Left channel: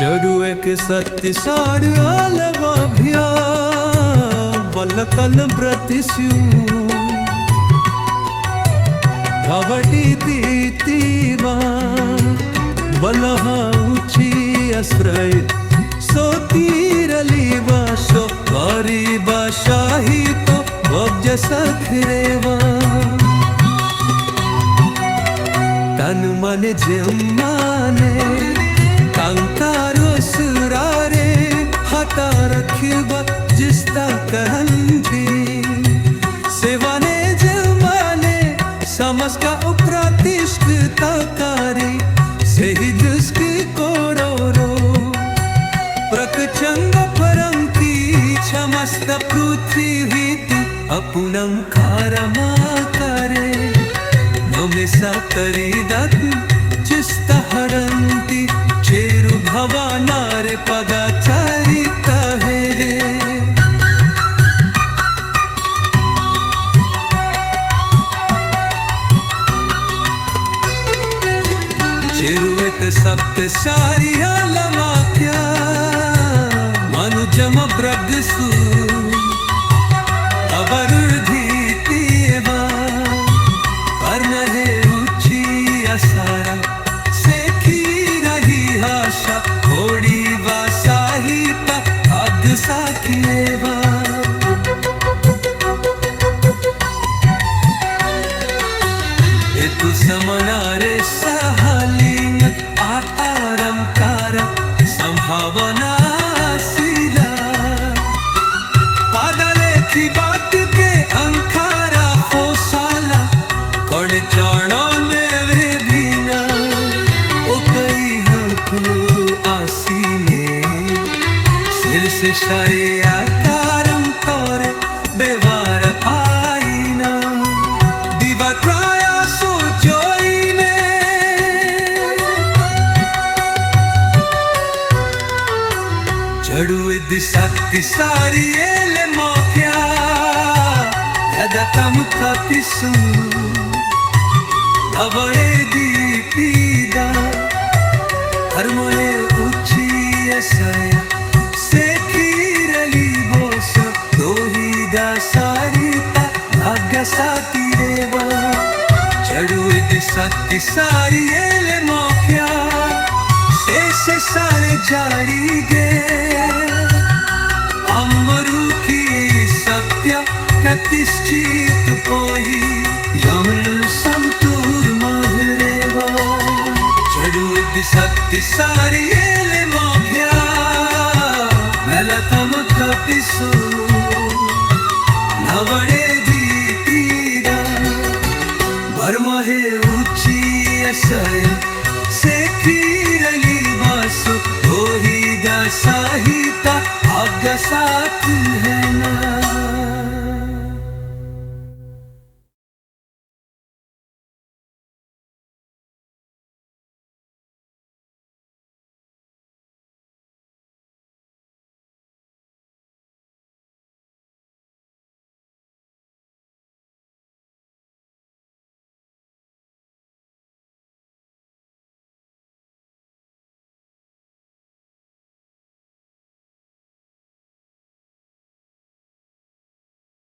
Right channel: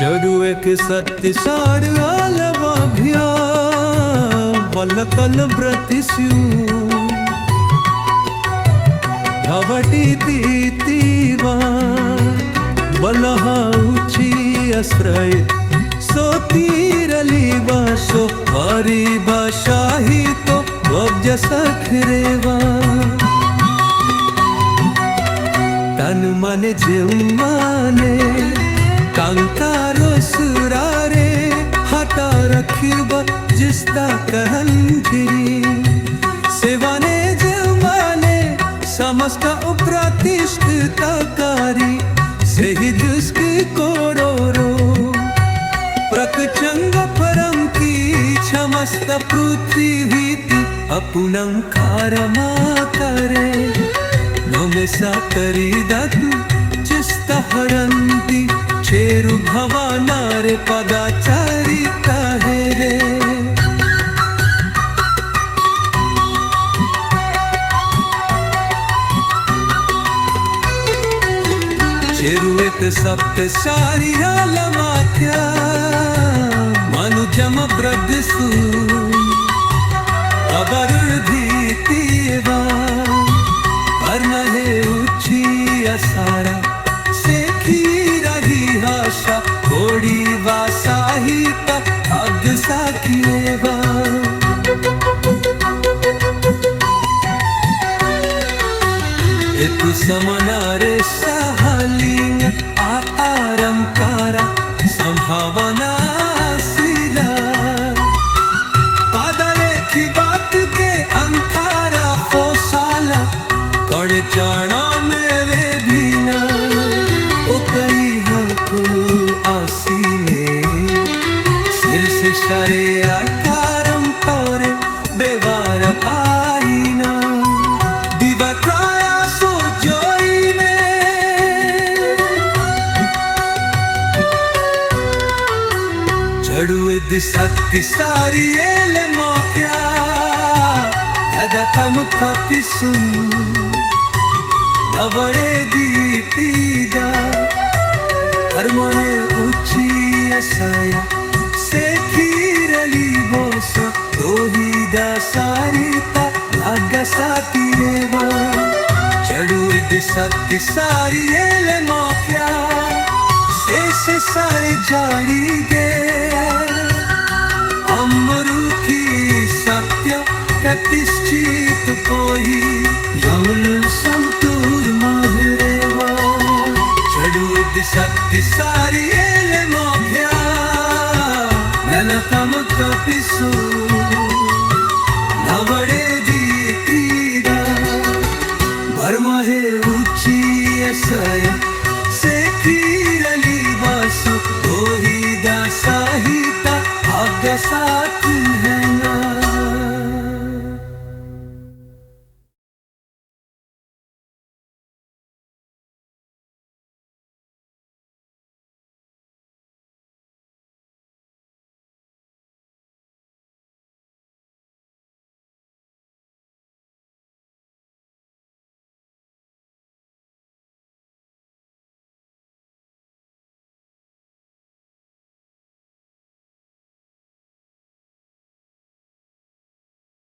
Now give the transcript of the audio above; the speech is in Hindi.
चढ़ुए के सत्य सार आलवाभ्या वल्लकल ब्रतिस्यू भवटी तीतीवा बलहा उची आश्रय सोतीरली बाशो वारी बाशाही तो वब्ज सखरेवा तन मन जिम्माने कांकारो सुरारे हटा रखिबा जिस्ता कहंधिरी सेवाने जिम्माने समस्का उप्रातिष्ठिताकारी सेहि दुष्की कोरोरो प्रकचंग परम की क्षमस्त पृथ्वी भीति अपुनंकारमा करे नमे सकरी दत् चिस्त हरंती चेरु भवानारे पगाचारिता है रे चेरुएत सप्त शारीरा लमाक्या मनुजम ब्रदसु अवरुधीतीवा वर्णहे उची असारा सेखी रही हाशा थोड़ी वासाहिता अग्सा किएवा तु समनारे सहालिंग आरंकारा संभावना शीला पादले की बात के अंकारा हो साला कौन जानो ने वे भीना ओ कई हमको आसीने सिर से सारे आकारम तोरे बेवार पाईना दिवा क्राया जोई में चढ़ुए दिशक्ति सारी एले मौक्या दादा कम खाती सुन नवड़े दीपीदा हर मोने उची असया से खीरली बोसो दोही दा सारीता भाग्य साती रेवा चढ़ुए दिशक्ति सारी एले मौक्या से सारे जारी गे अमरु की सत्य प्रतिष्ठित पोही यमल संतूर मधुरेवा चढ़ुए दिशक्ति सारी एले मौक्या मेलतम कपिसो नवड़े वर्महे उची असया से खीरली बासु दोही दा साहिता भाग्य साथ है ना।